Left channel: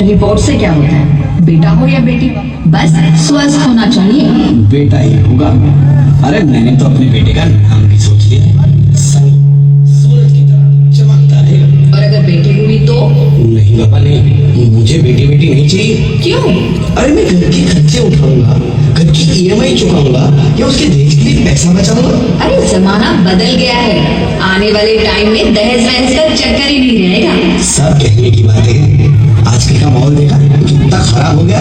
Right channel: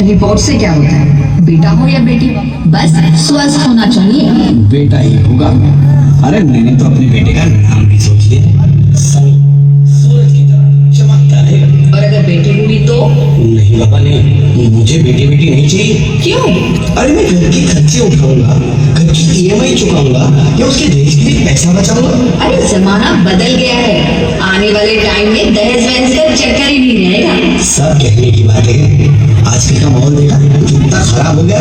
Report से क्या होता है, बेटा हो या बेटी, बस स्वस्थ होना चाहिए। बेटा ही होगा। अरे मैंने तो अपने बेटे का नाम भी सोच लिया, सूरज की तरह चमकता रहेगा। और अगर बेटी हुई तो? नहीं बाबा नहीं, मुझे बेटी बेटी नहीं चाहिए। क्यों? अरे मैं घर के खर्चे उठाऊंगा, घर की ईएमआई चुकाऊंगा या उसके दहेज के लिए पैसा बचाऊंगा। अरे जमाना बदल गया है, आने वाले टाइम में दहेज वहेज का चक्कर ही नहीं रहेगा। सब कहने की बात है, आजकल का माहौल देखा कितना खराब हो गया।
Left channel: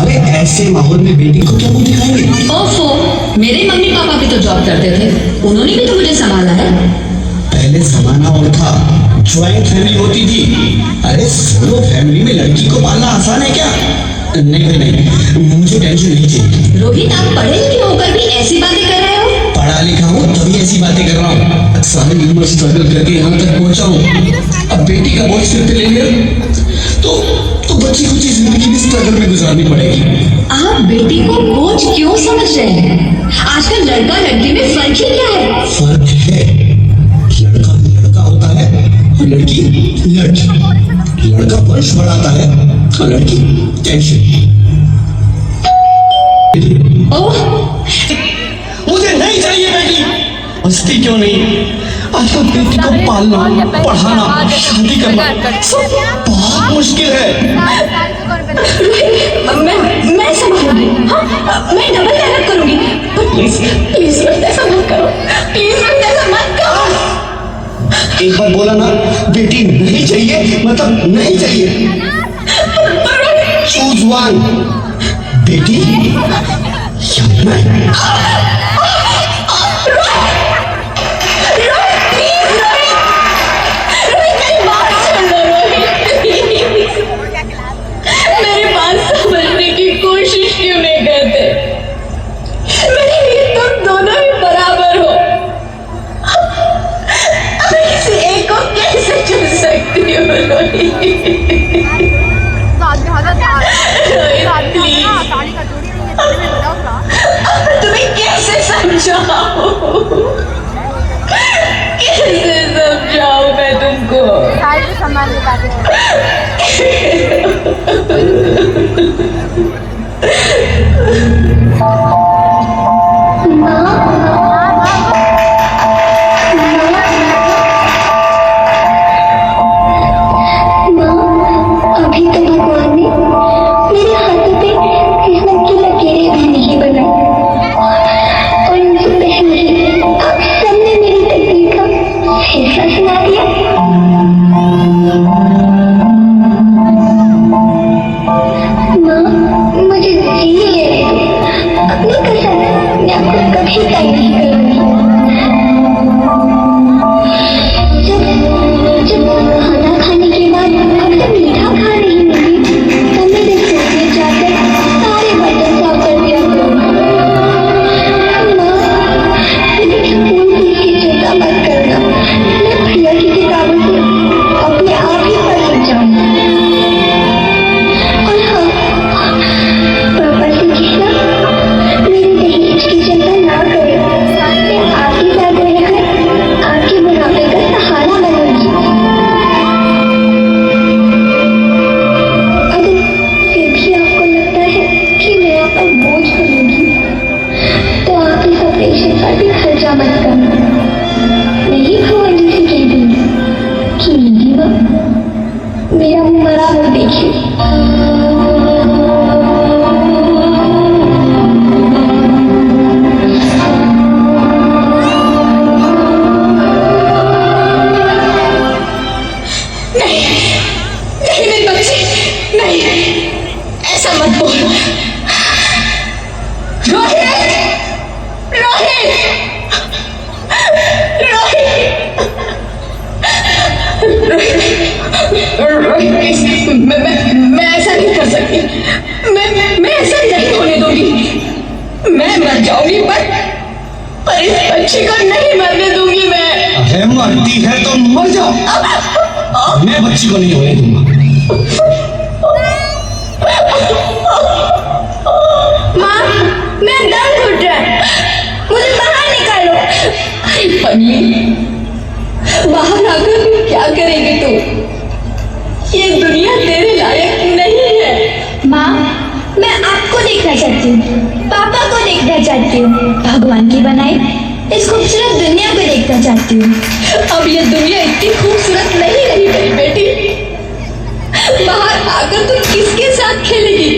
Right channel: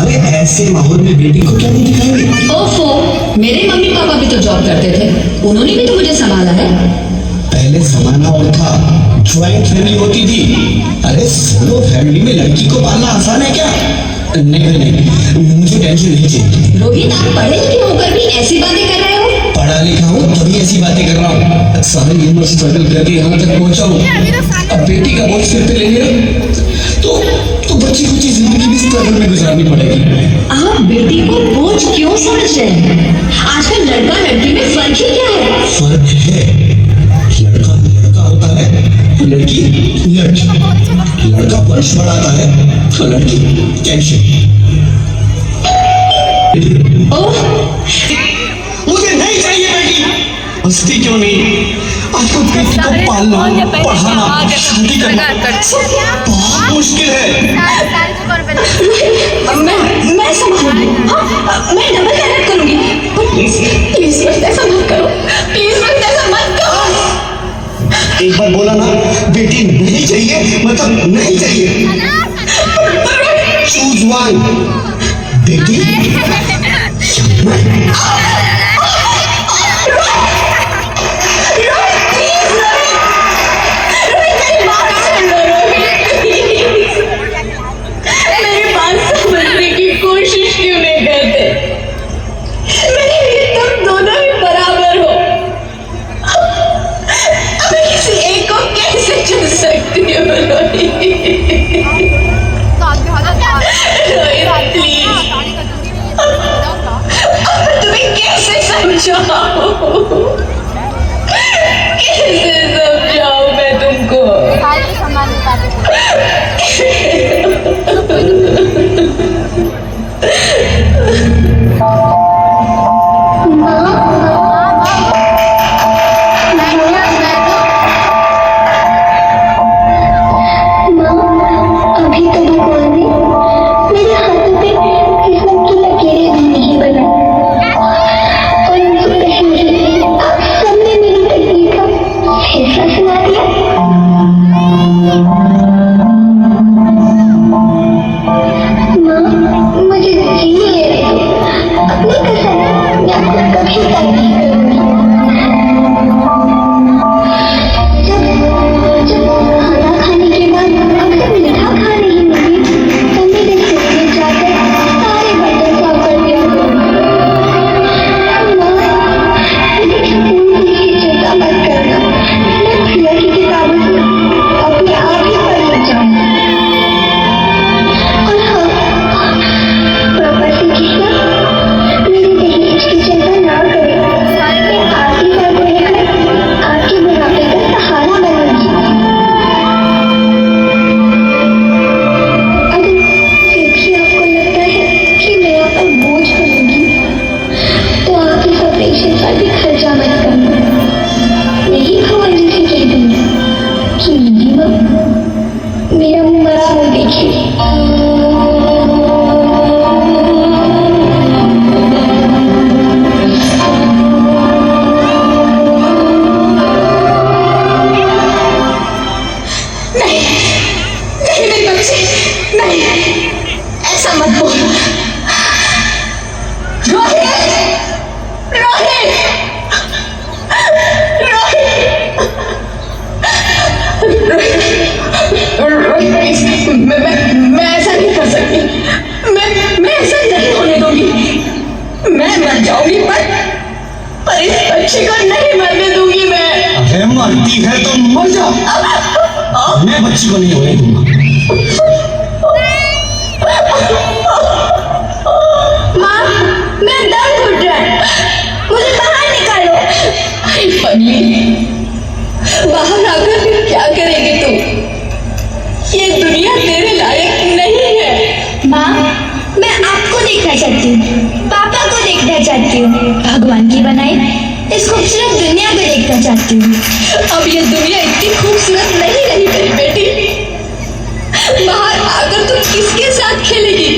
अरे ऐसे माहौल में बेटी को क्या नहीं दिखाएंगे। ओफो, मेरे मम्मी पापा भी तो जॉब करते थे, उन्होंने भी तो मुझे संभाला है। पहले जमाना और था, ज्वाइंट फैमिली होती थी। अरे सोलो फैमिली में लड़की को पालना आसान है क्या? नहीं नहीं, मुझे टेंशन नहीं चाहिए। रोहित, आप पढ़े लिखे होकर भी ऐसी बातें कर रहे हो? पढ़ा लिखा हूँ तभी ऐसी बातें कर रहा हूँ। सारी उम्र स्ट्रगल करके यहाँ तक पहुँचा हूँ, अब बेटी का बोझ सिर पे ले लिया तो बच्ची कुछ जिंदगी भी स्ट्रगल में गुजारनी पड़ेगी। आप बेटी को बोझ क्यों समझ रहे हैं? आजकल लड़का लड़की में फर्क ही क्या है? फर्क है, लड़का लड़का होता है, लड़की लड़की। लड़का वंश बढ़ाता है और लड़की टेंशन। ओह, मुझे नहीं चाहिए बेटी। हंसती क्यों नहीं? आजकल बेटी को पालना, पढ़ाना, शादी करना बहुत मुश्किल है। मैं संभालूंगी, मैं डबल मेहनत करूंगी, पर प्लीज प्लीज मत ऐसा मत करो, प्लीज मत ऐसा मत करो। एक बार बोला ना, बेटी नहीं चाहिए मतलब नहीं चाहिए। चूज वन, बेटी या मैं। मेरी बात समझने की कोशिश क्यों नहीं करते? मेरे लिए तुम दोनों ही बराबर हो। मैं किसी एक को कैसे चुन सकती हूँ? तुम्हें कैसे समझाऊं? कैसे समझाऊं मैं तुमको? सामान में बातें अभी तो भगवान ने मेरे हाथों पे किस्मत की लकीरें भी नहीं बनाई और मुझे पहले ही सबने मेरी तकदीर का फैसला सुना दिया। जाकर तुम किसके साथ खेलेगी?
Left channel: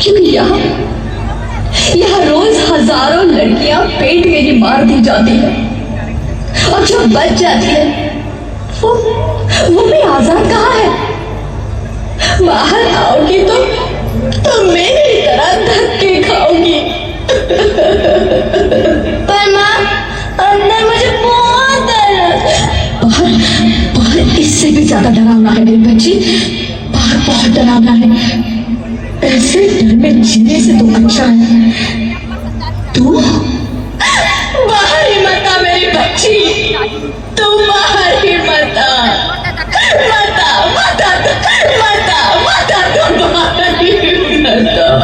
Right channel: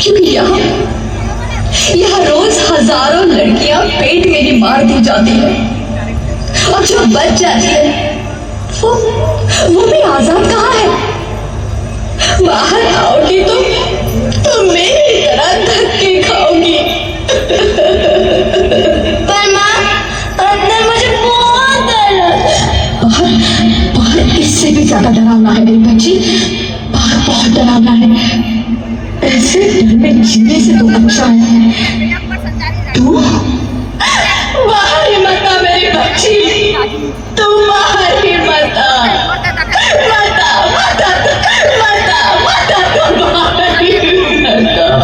क्योंकि यहाँ रोज हजारों लड़कियां पेट में ही मार दी जाती है और जो बच जाती है वो भी आजाद कहाँ है? बाहर आओगी तो मेरी तरह धक्के खाओगी। पर माँ, अंदर मुझे बहुत डर, बहुत इससे भी ज्यादा डरावना है मेरी बच्ची, बहुत डरावना है। ऐसे डर में जीने से तो अच्छा है तू बाहर ही मत आ मेरी बच्ची, तू बाहर ही मत आ, मत आ, मत आ, मत आ, मत आ, तू बाहर ही मत आ।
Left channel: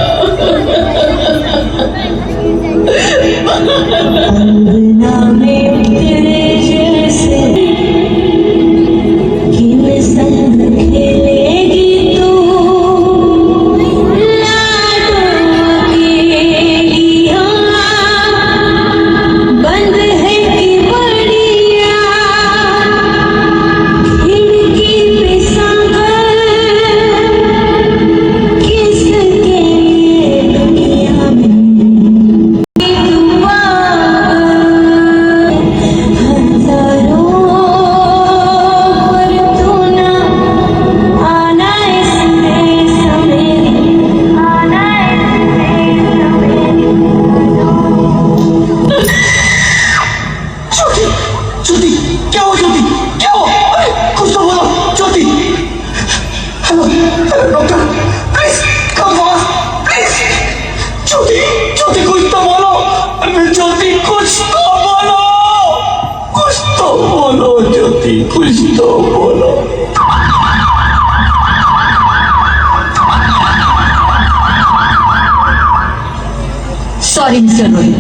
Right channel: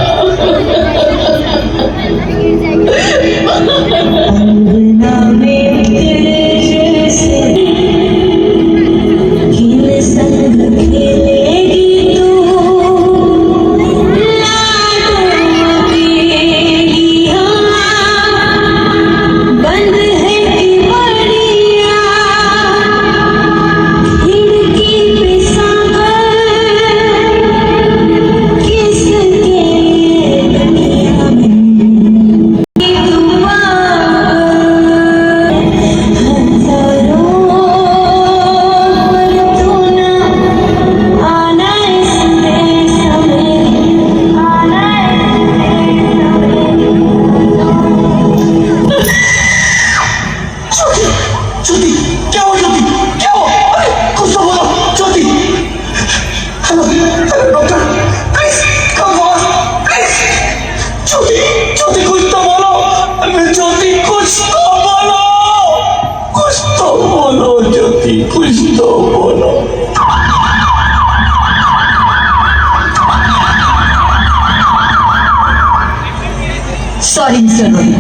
Sorry, Mr. Rohit.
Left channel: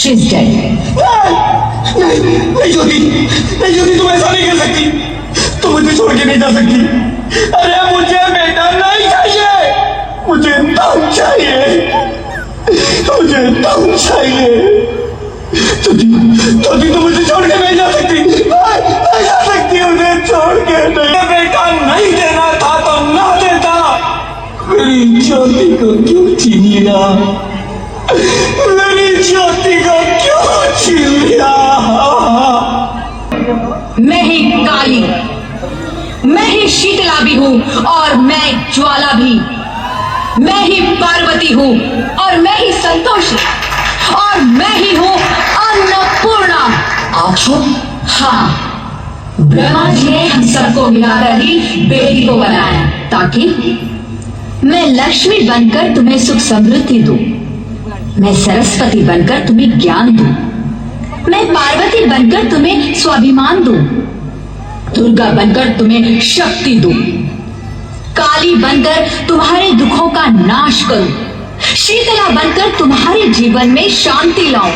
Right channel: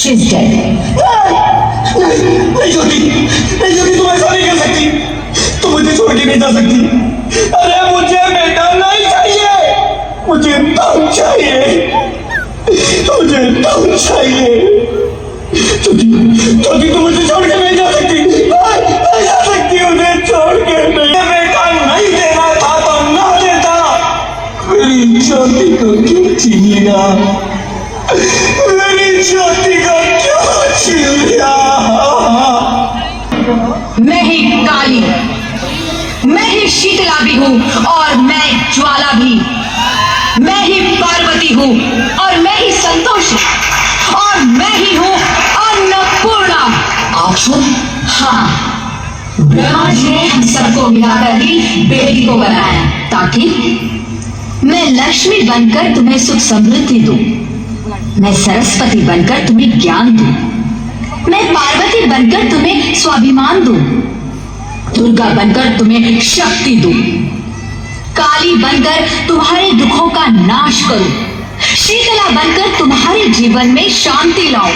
She's dead. नहीं ज्योति, तुम ऐसा नहीं कर सकती, तुम मुझे छोड़ के नहीं जा सकती। अरे मुझे बेटा नहीं चाहिए, मुझे तब चाहिए, मुझे तब चाहिए। ज्योति, तुम मुझे छोड़ के नहीं जा सकती, नहीं जा सकती, मुझे छोड़ के नहीं। बेटा नहीं देना था तो ना देता, मेरी ज्योति को क्यों छीनिएगा, मेरी ज्योति को क्यों छीन लिया? मैं ही काली, मैं ही शीतला भी हूँ और मैं ज्वाला भी, मैं ही पार्वती हूँ और मैं ही संतोषी और मैं ही हूँ अन्नपूर्णा। आप हो? हाँ, ब्रह्मा जी ने हम सबको मिलाकर ही बेटी को बनाया ताकि मैं लक्ष्मी बनकर तुम्हें सुख समृद्धि दूं, मैं सरस्वती बनकर तुम्हें ज्ञान दूं, मैं पार्वती बनकर तुम्हें स्वाभिमान दूं, दुर्गा बनकर तुम्हें शक्ति दूं, काली बनकर तुम्हारे दुखों का नाश करूं, शीतला बनकर तुम्हारे जीवन में शांति लाऊं,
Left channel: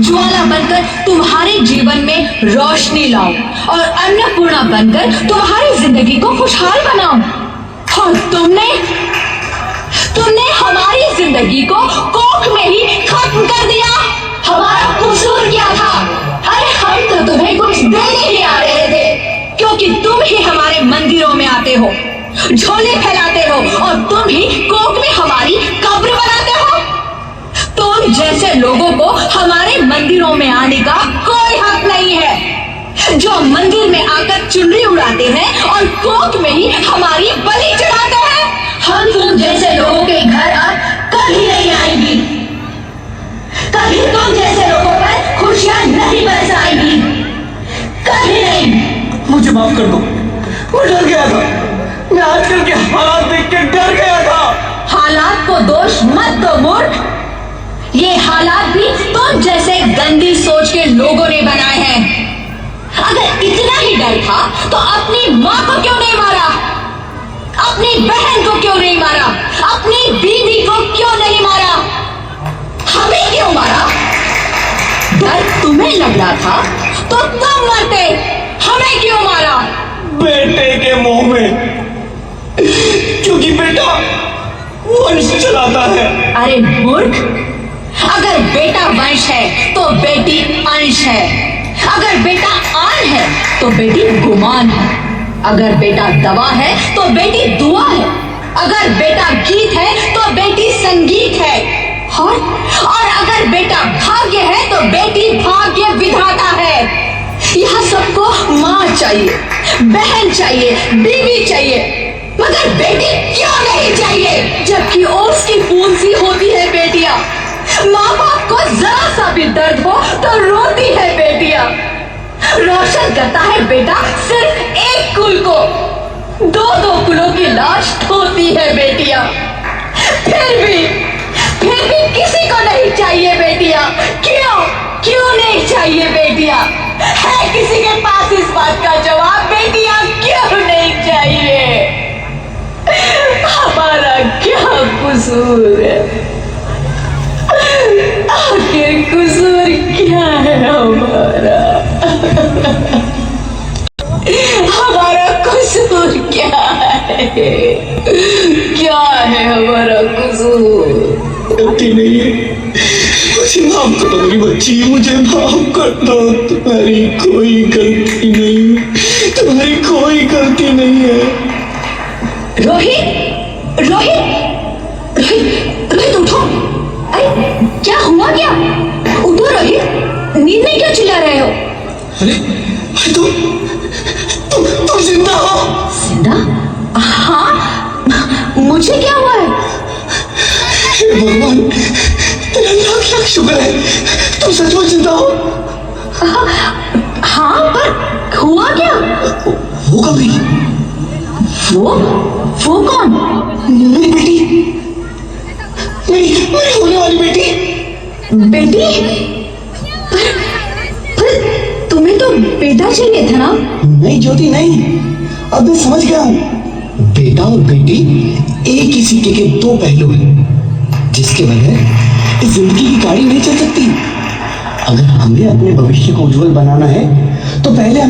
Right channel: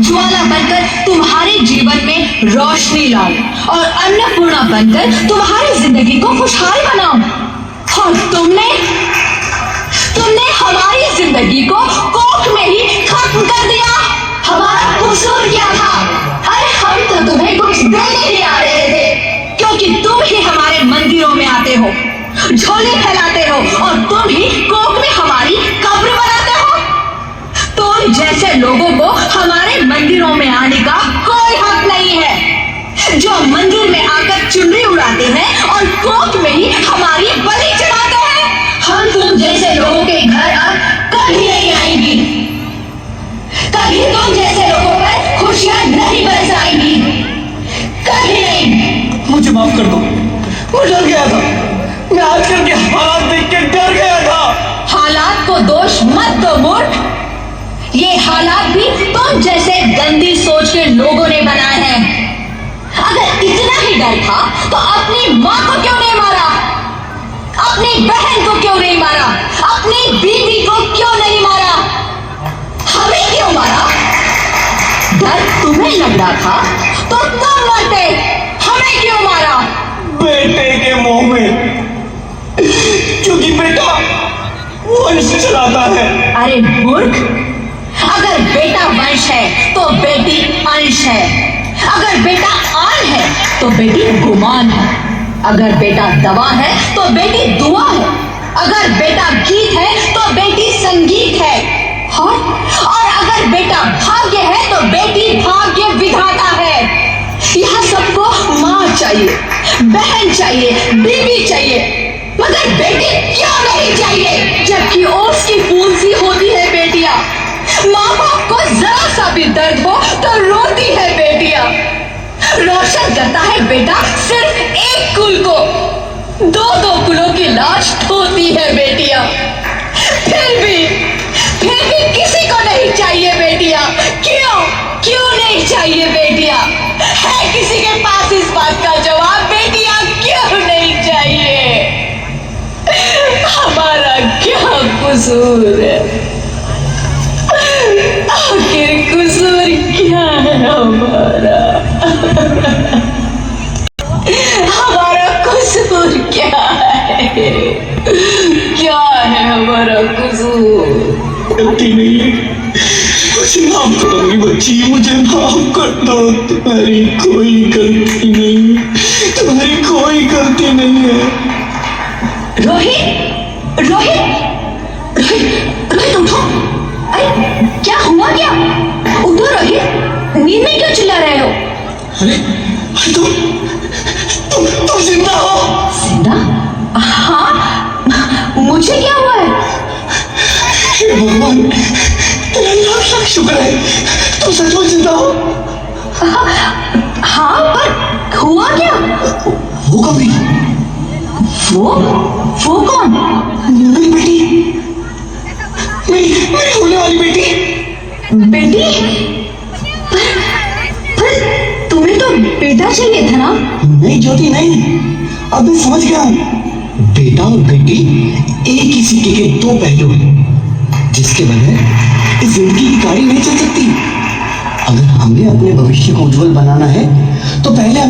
ज्वाला बनकर तुम्हारे जीवन में रोशनी लाऊं और अन्नपूर्णा बनकर तुम्हारी जिंदगी को खुशहाल बनाऊं। और तुमने हमारी जिंदगी को कोख में ही खत्म कर दिया। हमारा कसूर क्या था? अरे हम तो तुम्हें कुछ देने ही आ रहे थे, क्योंकि तुम ही हमारे मंदिरों में आते हो, झोले फैलाते हो और तुम ही कोख में हमारी कब्र बनाते हो। तुम जैसे लोगों को हमारे मंदिरों में आने का कोई हक नहीं है, जो मंदिर में आकर चुनरी उड़ाते हैं और कोख में ही हमारी बलि चढ़ाते हैं। हम तुम जैसे लोगों के घर कभी नहीं आएंगी, कभी तुम जैसे लोगों पर खुशियां नहीं बरसाएंगी, कभी नहीं। मुझे माफ कर दो, मैं डर गया था, मैं आजकल के हालात देख के डर गया था। हालात को दोष मत दो मूर्ख, ये हालात भी तुम जैसे गंदी सोच के लोगों ने बनाए हैं। अगर इतना ही डर था तो अपनी माँ को क्यों नहीं मारा, अपनी बहन को क्यों नहीं मारा, अपनी बीवी को क्यों नहीं मारा, हमें क्यों मारा? डर तुम्हें लग रहा था तो तुम मरते, हमें क्यों मारा? बेटे के मुंह में, क्योंकि बेटा वंश चलाता है। अरे मूर्ख, अगर बेटा वंश है तो बेटी अंश है, अगर बेटा आन है तो बेटी गुमान है, अगर बेटा दवा है तो बेटी दुआ है, भी दर्द हो तो रोती है बेटियां। रोशन करता है बेटा सिर्फ एक कुल को, दो दो कुलों की लाश ढोती है बेटियां। फिर भी किसी को नहीं चाहिए बेटियां। क्यों नहीं चाहिए बेटियां? है किसी के पास इस बात का जवाब? बेटियां क्यों नहीं चाहिए? हमारा क्या कसूर है? आखिर कसूर क्या है हमारा? हमारा कसूर क्या है? क्या है हमारा कसूर? गलती नहीं, मुझे माफ करो मेरी बच्ची, मुझे माफ कर दो। तुम्हारी कोई गलती नहीं, तुम्हारी कोई गलती नहीं है। रोहित रोहित रोहित रोहित उठो। अरे क्या हुआ? क्या उठो रोहित, नींद में क्यों चिल्ला रहे हो? अरे तुम जिंदा हो? जिंदा? हाँ, मुझे क्या हुआ है? हे भगवान, तेरा लाख लाख शुक्र है, तुम सचमुच जिंदा हो। हाँ, पर हुआ क्या? वो कब गई? वो कौन? मेरी बेटी, मेरी होने वाली बेटी। बेटी? पर तुम्हें तो बेटा चाहिए था ना? नहीं ज्योति नहीं, अब मैं समझ गया। बेटा और बेटी एक ही सिक्के के दो पहलू हैं, जिसके बगैर इस जिंदगी की गाड़ी नहीं चल सकती। अगर हमने अपने भविष्य को उज्जवल बनाना है तो पहले